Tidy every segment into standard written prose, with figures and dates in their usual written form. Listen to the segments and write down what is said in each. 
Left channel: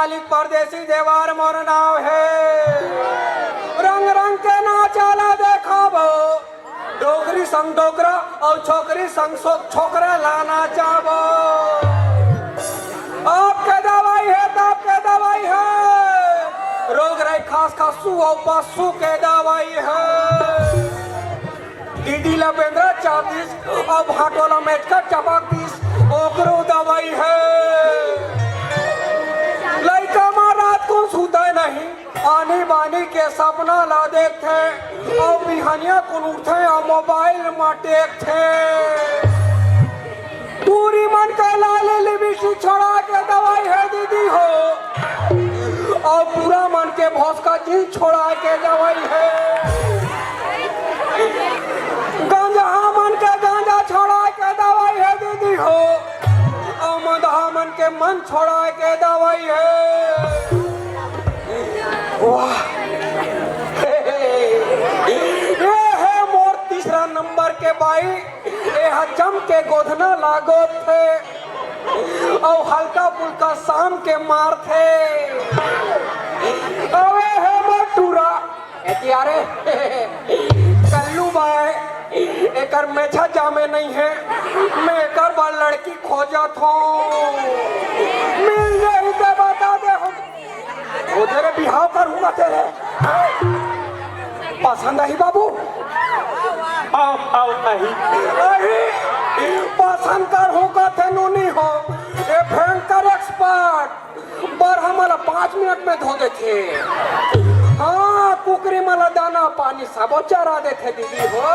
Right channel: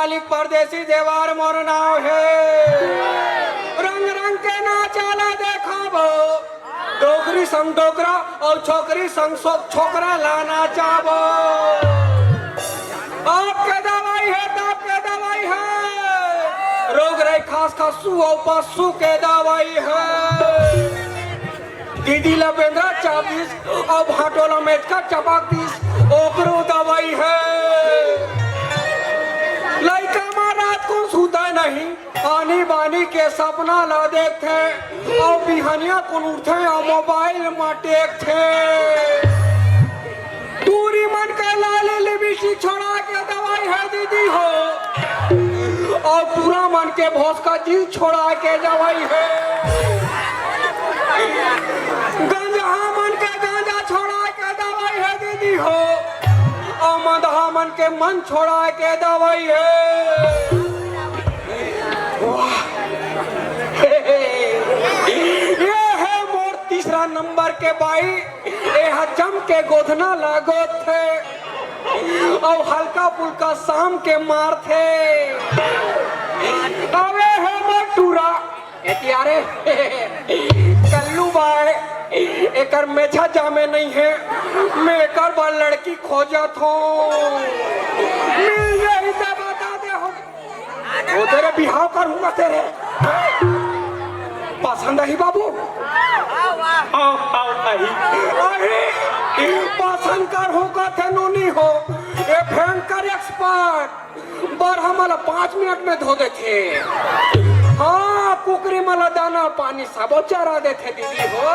मालिक परदेसी देवार मोर नाव है। रंग रंग के नाचाला देखाबो, डोगरी संग डोगरा और छोकरी संग छोकरा लाना चाहबो। आपके दवाई है तो आपके दवाई है, रोग रही खास खासू और पशु के दवाई है। दीदी लपेंद्रा 40 और भाटोला मेटका चपक 30 ओकरो दवाई है। लड़का माँ रात को सुता नहीं, आनी बानी के सपना ला देखते और बिहानिया को उठे और मोबाइल में टेकते। दूरी मन के लाली लिबिशी छोड़ा के दवाई है दीदी हो, और पूरा मन के भौस का जी छोड़ा के दवाई है। गांजा मन के गांजा छोड़ा के दवाई है दीदी हो, और मदहा मन के मन छोड़ा के दवाई है। वाह, ये है मोर तीसरा नंबर के बाई, ये जम के गोधना लागो थे और हल्का फुल्का शाम के मार थे। अबे है मैं टूरा एतियारे कल्लू बाय एकर मेछा जामे नहीं है, मैं एकर बड़ लड़की खोजत हूँ। मिल जाए तो बता दे हो, वो तेरे बिहाव करूंगा तेरे। पसंद आई बाबू? आओ आओ आई पसंद कर होगा थे नोनी हो, ये भयंकर एक्सपर्ट बर हमारा 5 मिनट में धो देते। हाँ कुकरी मला दाना पानी सब चरा देते दीदी हो।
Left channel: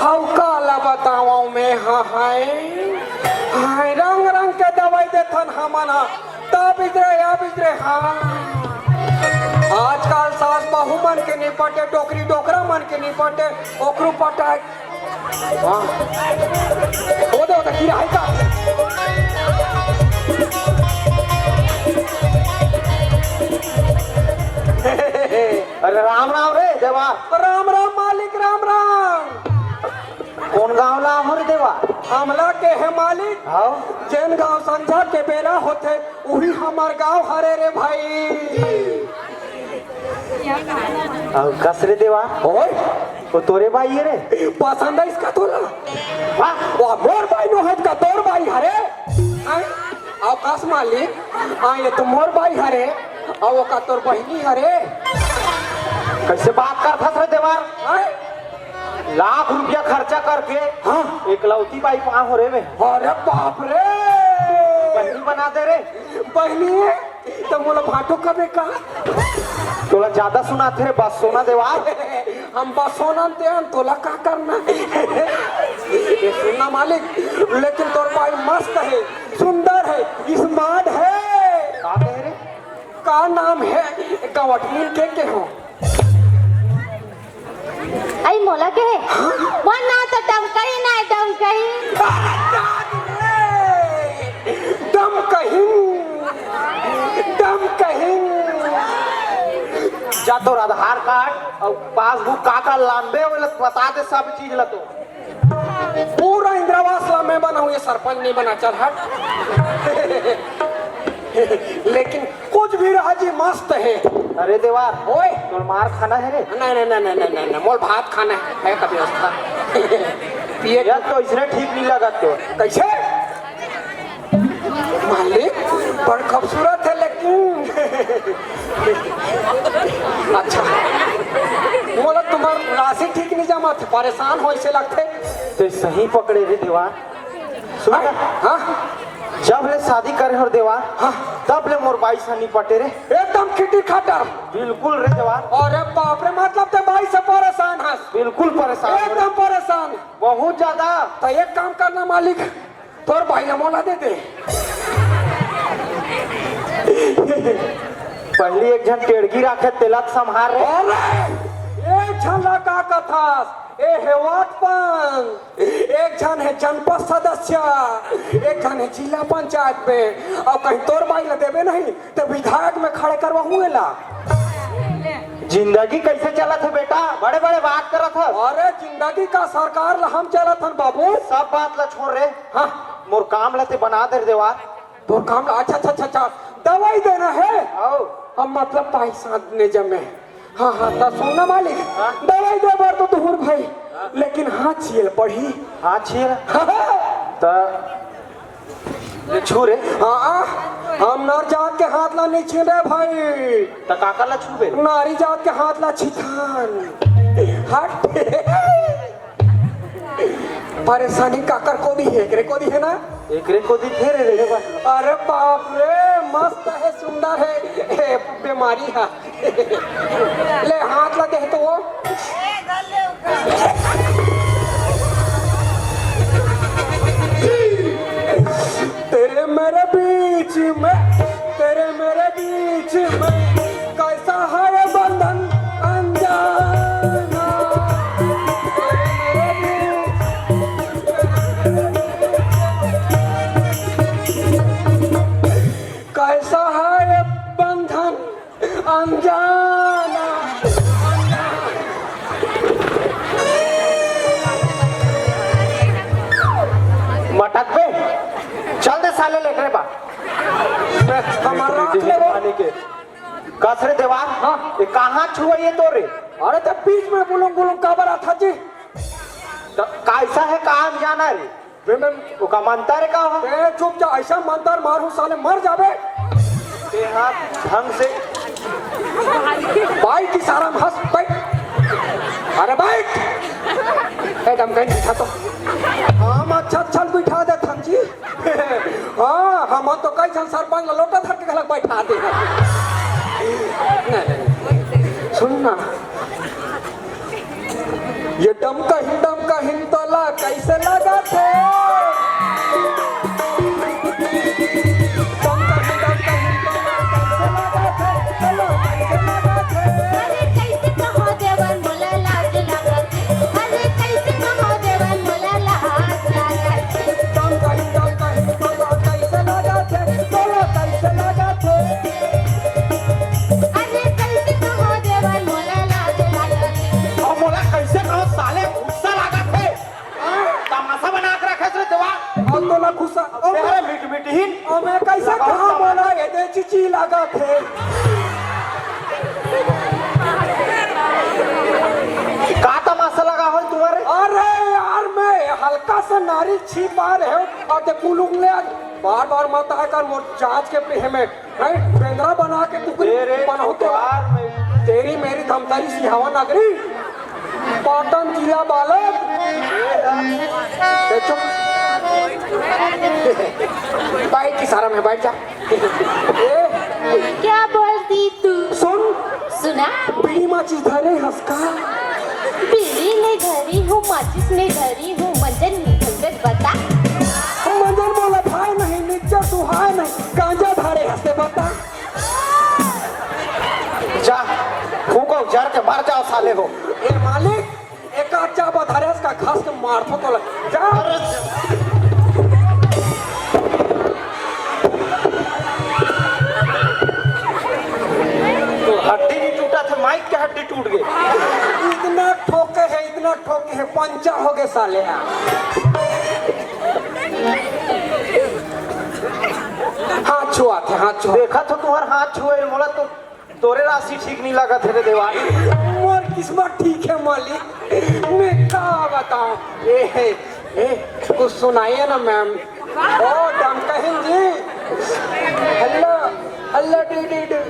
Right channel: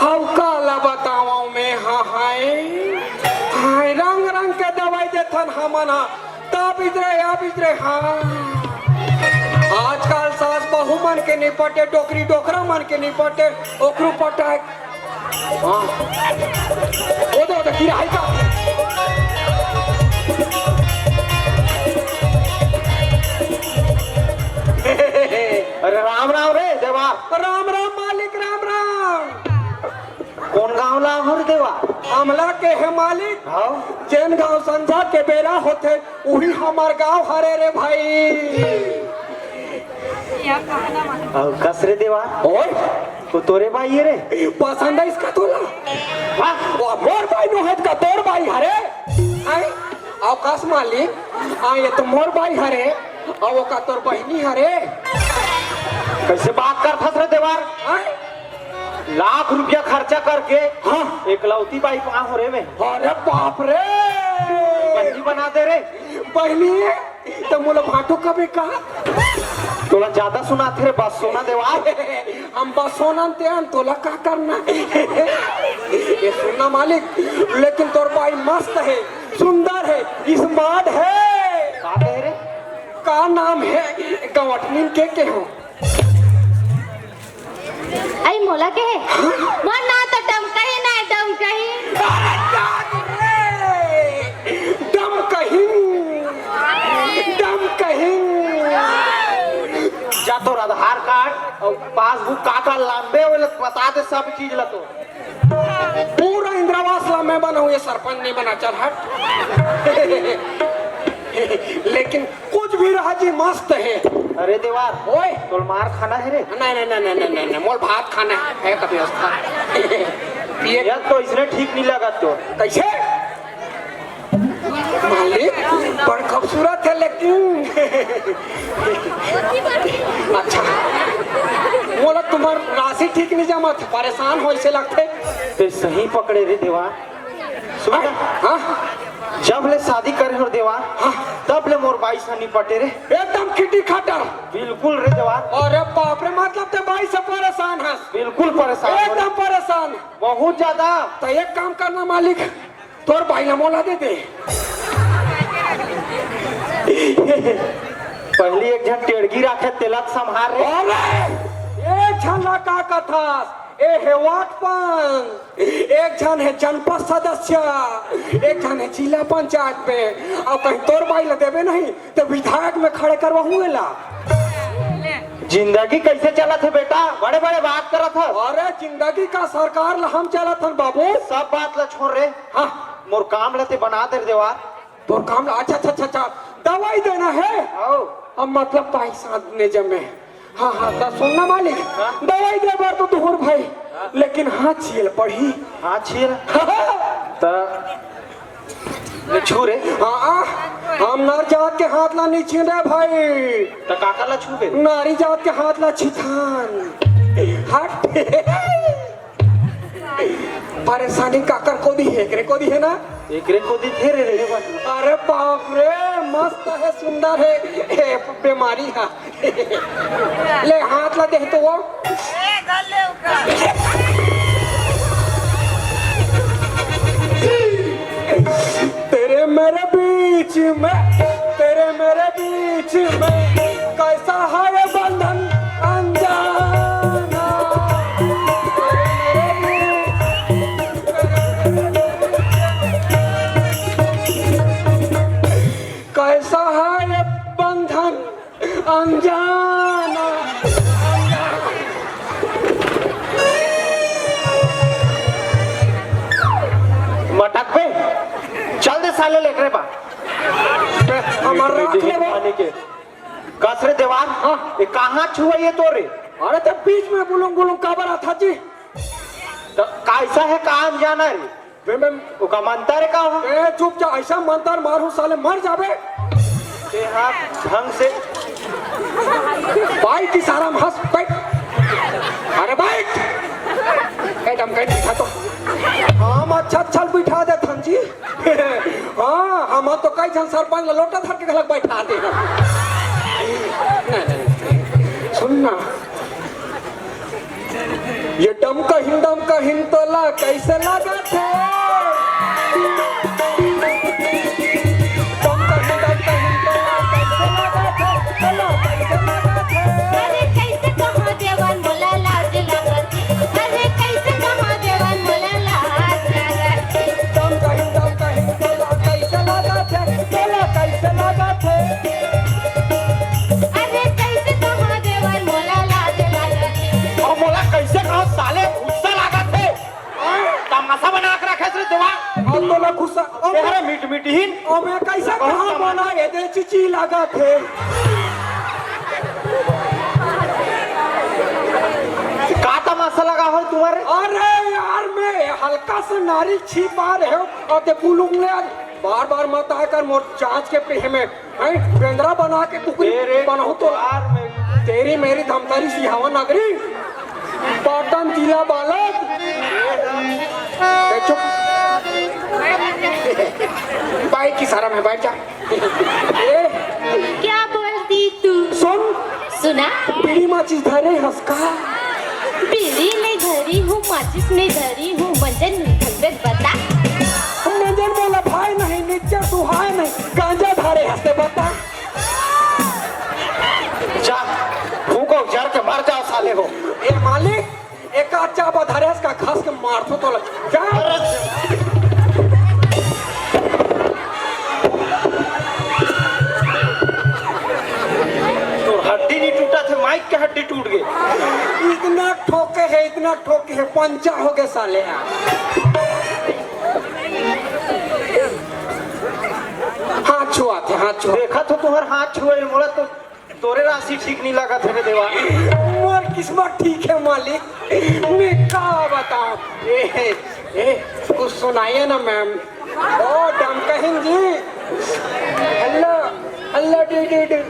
हम काला बताओ मैं हाँ हाय हाय रंग रंग के दवाई देथन हमना तब इधरे हाँ। आजकल सास बहू मन के निपटे, डोकरी डोकरा मन के निपटे, ओकरू पटाए। हाँ ओ दो तो कीड़ा है का। अरे राम राम रे देवा। राम राम मालिक राम राम। कौन गाँव ला हो रे देवा? हमला के है मालिक। हाँ जैन गाँव संझा के बेला होते वही हमार गाँव हरे रे भाई। कस रे देवा? ओए तो तोरे भाई है रे? पसंद है इसका तोला? वाह मोर भाई नो है का तोर भाई हरे? आए आकाश मालिक आए तो मोर भाई हरे और वो का तोर बहनी हरे। कैसे बात कर फस रे देवा? लाख रुपया खर्चा करके हाँ एकलौती बाई कहाँ हो रे में? अरे बाप रे बहनी बना दे रे। बहनी तो मोला भाटो कबे का तोला ज्यादा सुनाते रे बस सोना देवा। हम बस सोना ते तोला का करना। ये सुनना मालिक, लेकिन तोर भाई मस्त है, सुंदर है, स्मार्ट है। का कह रे? का नाम है गवटमिन के हो? आई मोला के है मन ना तो दम कहीं ना दम कहीं। दम कहीं जा तोर आधार कार्ड और पासबुक का लांबे वाला बता दे सब चीज ला। तो पूरा इंदिरावास ला मैं बना हूँ, ये सरपंच नहीं बना। चल हट। लेकिन कुछ भी रहा जी मस्त है। अरे देवा ओए तोर मार खाना है रे? नहीं मोल भात खाना है का व्यवस्था। पिए यार तो इसने ठीक नहीं लगा। तो कैसे मालिक बड़ खूबसूरत है लेकिन अच्छा बोला तुम्हारा राशि ठीक नहीं जमा थे, परेशान हो ऐसे लगते। तो सही पकड़े रे देवा। सुन हाँ जब ले शादी करे हो देवा हाँ तब ले मोर बाई से निपटे रे। एकदम खिटी खटर। बिल्कुल रे देवा। अरे बाप रे मतलब तो भाई से परेशान है? बिल्कुल परेशान, एकदम परेशान, बहुत ज्यादा। तो एक काम करना मालिक, तोर भाई मोला दे दे। पहली एक जन टेड़गी रखे तिलक संभार रे। एक झन का कथा ए हेवाटपन, एक जन है जनपद सदस्य, एक जन है जिला पंचायत पे, और कहीं तोर भाई ला देवे नहीं तो विधायक में खड़े करवा हुए ला। जिंदगी कैसे चला था बेटा? बड़े बड़े बात करत हो। अरे जिंदगी का सरकार ला हम चलत हन बाबू। सब बात ला छोड़ रे। हाँ मोर काम लते बना दे देवा। तो काम अच्छा अच्छा अच्छा अच्छा दवाई देना है आओ अब मतलब पैसा ने जमे हाँ हाँ तो सुनना मालिक दवाई दे बार तो दूर भाई लेकिन हाथ छियल पड़ी हाँ छीर त छू रे हाँ हम नर जात के हाथ ला नहीं छीने भाई त काका ला छू बे नारी जात के हाथ ला छिथान हट परेशानी काकर को दी है एकरे को दी है ना एकरे को दी थे रे बा अरे बाप रे मस्त है सुंदर है ए, बीमारी है ले हाथ ला दे तो वो तेरे मेरे बीच में कैसा है बंधन अनजाना कैसा है बंधन अनजाना मटक पे चल दे साले लेट रे बा हमारा पानी के कसरे देवार ये कहाँ छुआइए तो रे अरे तो बीच में बुलूं काबर था जी तो कैसा है काम जाना रे वो का मानता रे का हो ए चुप जा ऐसा मंतर मारू साले मर जाबे ये हाथ ढंग से बाइक की सारा हंस बैठ अरे बाइक एकदम कहीं दिखा तो हम अच्छा अच्छा बिठा दे हम जी हाँ हम तो कई जन सरपंच लोटा धर के घर बैठा दे सुनना ये डम का हिंतोला कैसे लगा थे अरे कैसे कहो देवन मोला लाज लागत अरे कैसे कहो देवन मोला लाज लागत अरे कैसे कहो देवन मोला लाज लागत और मोला कैसे कहो साले गुस्सा लगा थे तमाशा बना के रखे रे देवा तेरे मीट मीटहीन चिची लगा थे का तमाशा लगा हो तुम्हारे अरे यार मैं हल्का सा नारियल छिपा रहे हो और ते पुलुक ने बार बार मत आकर मोर जांच के पे में केंद्रा बना के तेरे बनाओ तो तेरी मेरी धमतारी सिहावा नगरी पाटन जिला बालक चुप बाइक की सारा में बैठ जा क्या बोलती तू सुन सुना पीड़ी माचिस धरे हंसका बीड़ी में धरी हूँ माचिस में धरी हूँ मंजन निकल बता मंजन बोला भाई नहीं नीचे सुहाय नहीं गांजा धारे हंसते बता जा फूको जार के मार जाओ साले हो ए मालिक एक अच्छा बधारे का घास के मारथो तो लग जा हड्डी नहीं टूटा था माइक के हड्डी टूट गई इतना ठोके है पंचा हो गए साले हाथ छुआ देखा तो तुम्हारे हाथ छुए बोला तो तोरे राशि ठीक नहीं लगा थे देवा मोर किस्मत ठीक है मालिक मैं क्या बताऊं ए कुछ सुनाइए ना मैम ओ दम कहिन जी हेलो हेलो डी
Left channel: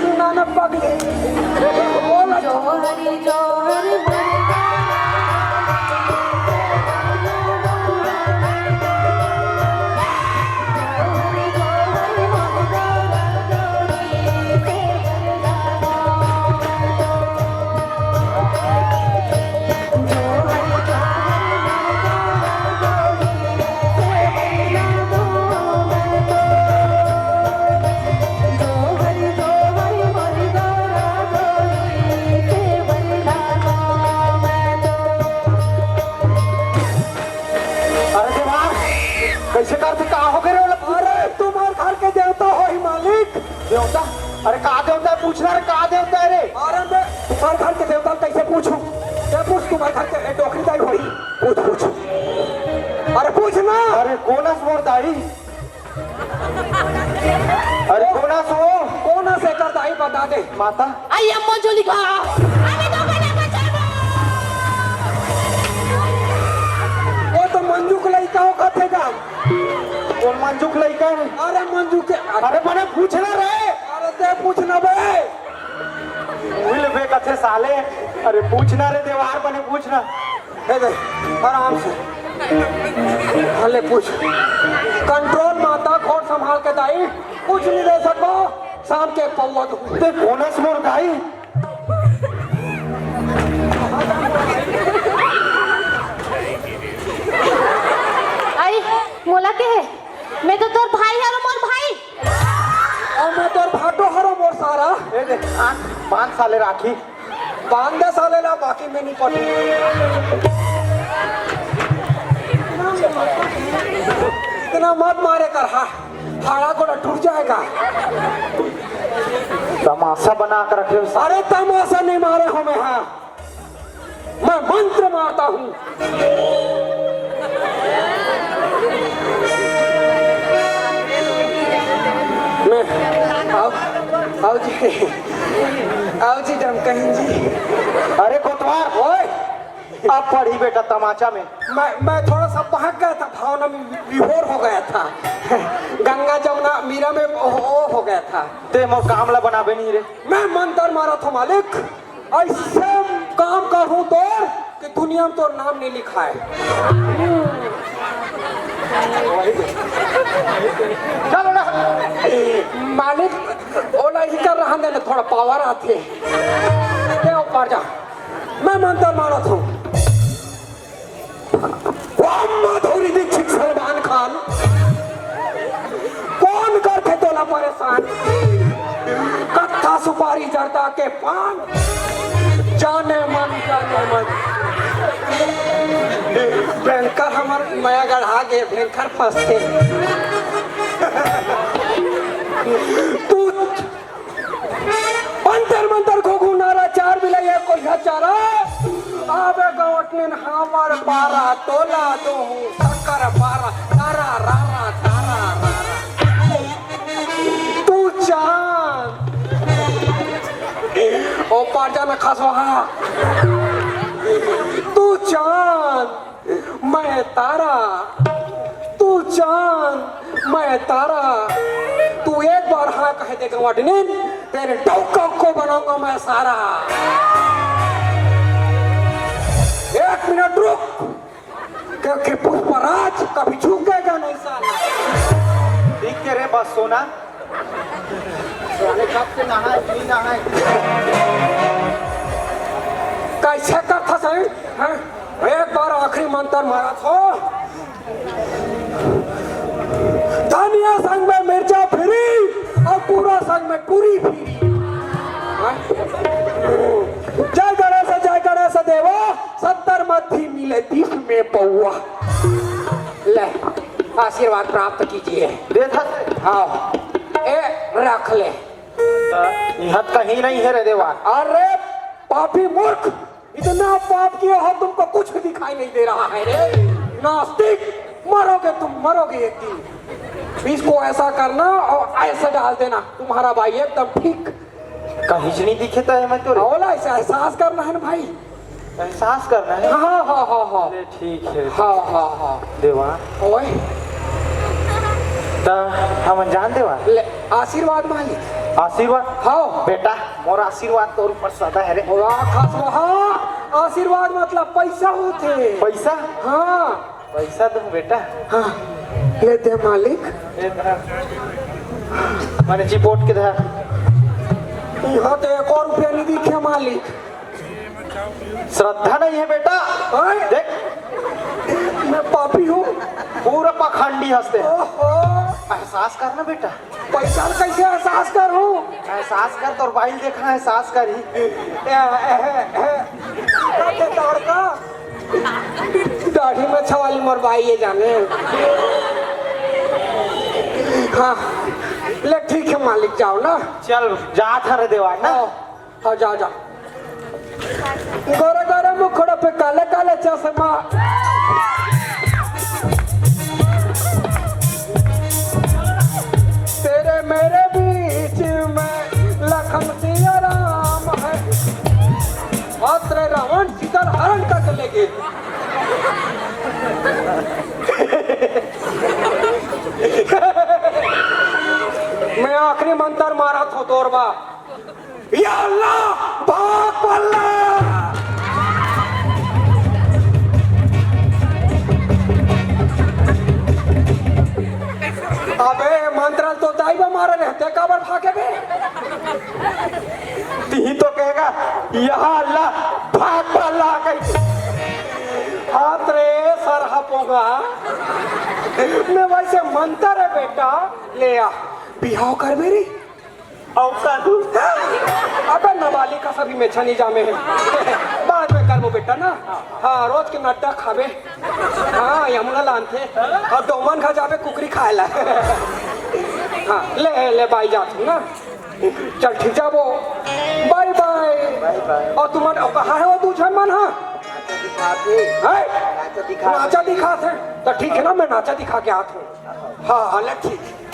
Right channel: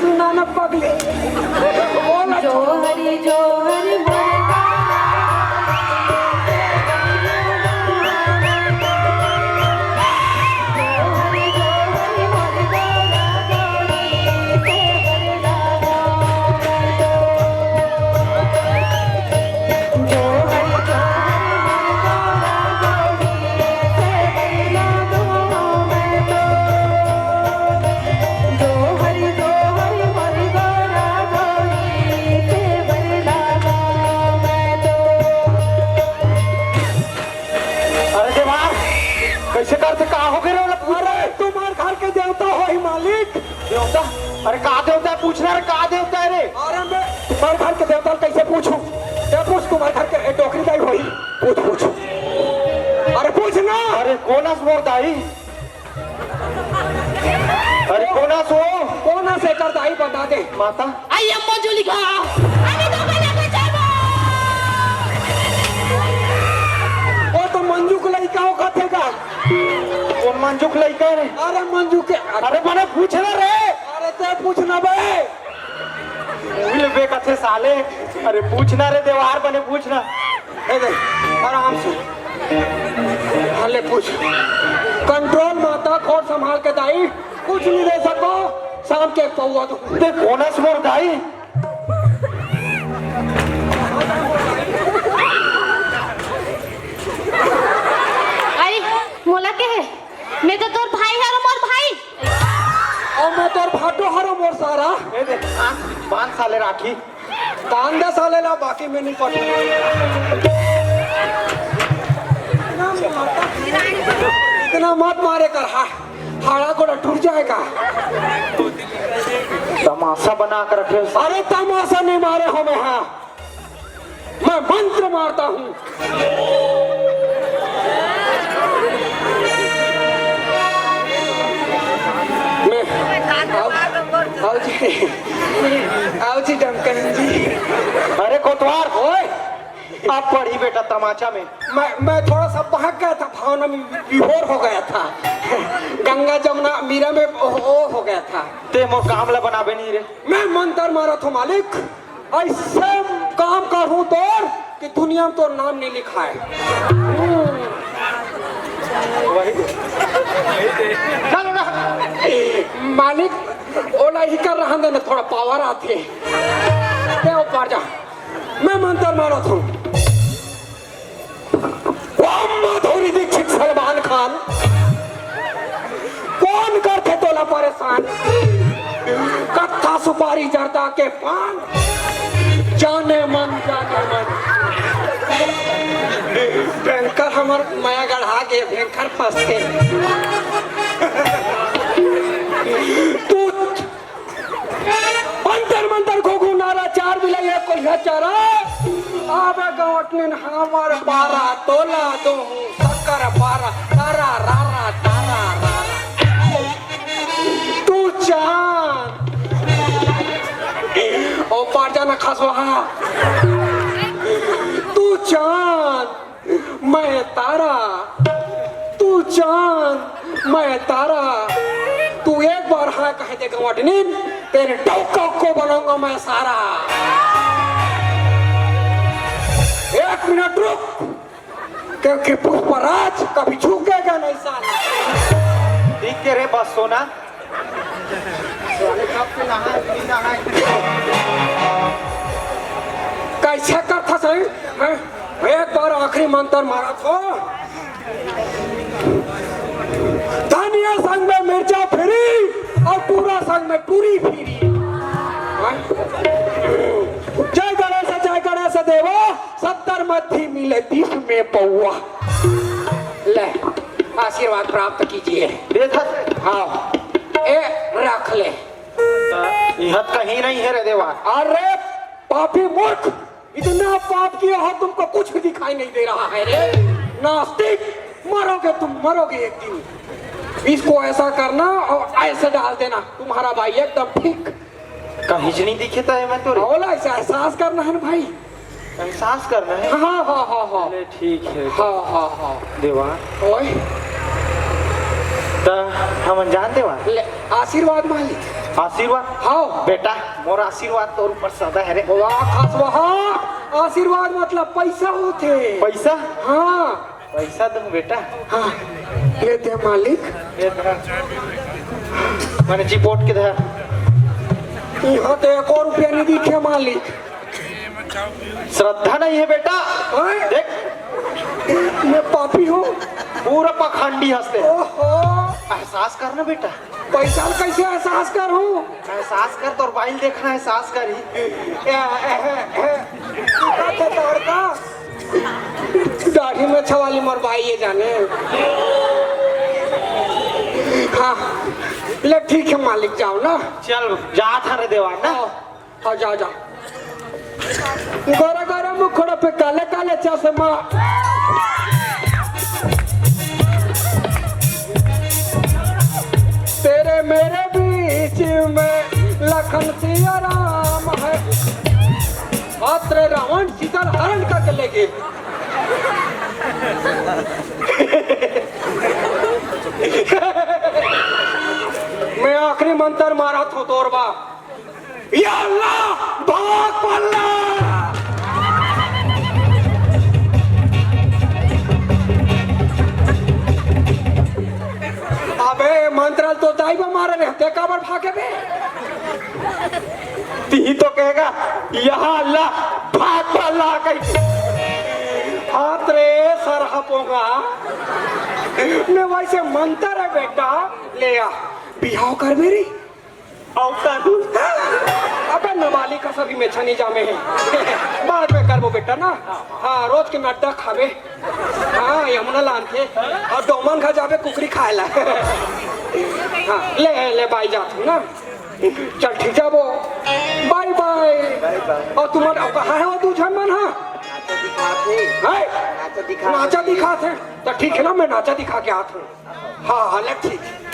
सुना ना पगले बोला जोहरी जोहरी कैसे करते कहा हो गए अरे तुम्हारे घर के देवता हो ही मालिक देवता अरे कहा देवता है पूछना रे कहा देवता है रे अरे मैं तुम्हारे घर के देवता कैसे पूछूं क्या पूछ तुम्हारे घर के डोकरी दाई होई पूछ अरे पूछ ना अरे कौन है मोर दाई कोना सो कौन से करता ही बता दे माता आई एम मंजुलिका अरे तो मैंने बचावा वो तो मंजू को लड़का हो कथेगा वो मंजुक लइका रे अरे मंजू के अरे मने पूछना रे अरे ते पूछना बे भूल बे कथे साले अरे पूछना रे देवार बने पूछना हे दे आराम से भले पूछ कंट्रोल माता खोर संभाल के दाई कुछ नहीं दे सको शाम के पौवा तो ते बोनस मोर गाई आई मोला के है मैं तो तोर भाई है मोर भाई और मैं तो भाटो हरो मोर सारा ए दे 5 साले राखी दान दे साले ला बाकी में नहीं पड़ी इतना मत मारे कर हाड़ा को टूट जाएगा तमाशा बना कर रखे हो अरे तमाशा नहीं मारे हमें हाँ मैं मंत्र मारता हूँ मैं आओ जी डमकहन जी अरे कोतवार ओए अब पढ़ी बेटा तमाचा में मैं थोड़ा सा बहक गया था भावना में विभोर हो गया था गंगा जमुना मीरा में ओ हो गया था ते मो कामला बनाबे नहीं रे मैं मंत्र मारा था मालिक ऐसे काम करूं तो कि दुनिया में तो नाम नहीं लिखा है चलो ना मालिक ओला ही कर रहा है थोड़ा पावर आती है क्या ऊपर जा मैं मंत्र मारा था माधुरी दीक्षित सलमान खान कौन करते तोला परेशान कट्ठा सुपारी जर्दा के पान जाने मन बैंकर हमार नया गढ़ा के बैंकर फंस के तू मंतर को गुनारा चार भी लगे कोई चारा आवे गौटन हमार 12 तोला दो शक्कर 12 तारा रारा तारा तू चांद ओ पार जाना खास वहाँ तू चांद मैं तारा तू चांद मैं तारा तू एक बार हाँ कह देगा वटनीन तेरे डॉक्टर को बनाऊंगा मैं सारा एक मिनट रुक क्योंकि पुष्पराज कभी झुकेगा नहीं साला ठीक के रे बस सोना कैसे करता सही एक बार आखिरी मंत्र मारा था धनिया संग में मिर्चा फिरी और पूरा संग में पूरी फिरी जय गणेश देवा 70 मध्य मिले 30 में पौआ ले आशीर्वाद प्राप्त कीजिए देखा हाँ ए रख ले यह कहीं नहीं है रे देवा अरे पापी मूर्ख इतना पाप किया है तुमको कुछ भी दिखाई नहीं दे रहा है रे नास्तिक मरोगे तुम मरोगे एक दिन इसको ऐसा करना और ऐसे डाल देना तुम्हारा भाई एकदम ठीक कहीं नहीं दिखता है मैं तो बोला ऐसा एहसास करना है ना भाई एहसास करना है हाँ हाँ हाँ हाँ अरे ठीक है हाँ हाँ हाँ देवा ओए तो हम जान देवा ले आशीर्वाद मालिक आशीर्वाद हाँ बेटा मोर आशीर्वाद तोर ऊपर सदा है रे वाह खास वहाँ आशीर्वाद मतलब पैसा होते पैसा हाँ पैसा दूं बेटा हाँ लेते मालिक मैंने जीपोट के दे यहाँ तो 1 और रुपया नहीं दिखे मालिक श्रद्धा नहीं है बेटा ओए, देख मैं पापी हूँ पूरा पखंडी हंसते ओहो एहसास करना बेटा पैसा कैसे एहसास करूँ एहसास कर तो मोबाइल देखना एहसास कर ही दौड़ता दाढ़ी में छवाली मरवाई ये जाने हाँ ले ठीक है मालिक जाओ ना चल जा था रे देवा ना हाँ जा जा गोरा गोरा मुखड़ा पे काले काले चश्मा तेरे मेरे भी मैं आखिरी मंत्र मारा था तोरबा या अल्लाह भाग पल्ला। अबे मंत्र तो दाइबा मारे रहते काबर भागे बे। ती तो कहेगा यहाँ अल्लाह भाग पल्ला कैसे। हाथ रे सर हपोगा मैं वैसे मंत्र है बेटा ले आ बिहाव कर मेरी औसा तू अबे नवाली का सभी में छनी जामे है बाद में कर वो बेटा ना। हाँ रोज के नट्टा खावे हाँ यमुना लानते और डोमन खा जावे कुकरी खाए ला। हाँ ले ले बाई जाती ना चल ठीक जाबो बाय बाय। और तुम्हारा कहाँ है वो दूसरा मन हाँ नाचा दिखाते तो ठीक है ना मैं नाचा दिखा के आते हाँ हाँ ले ठीक है।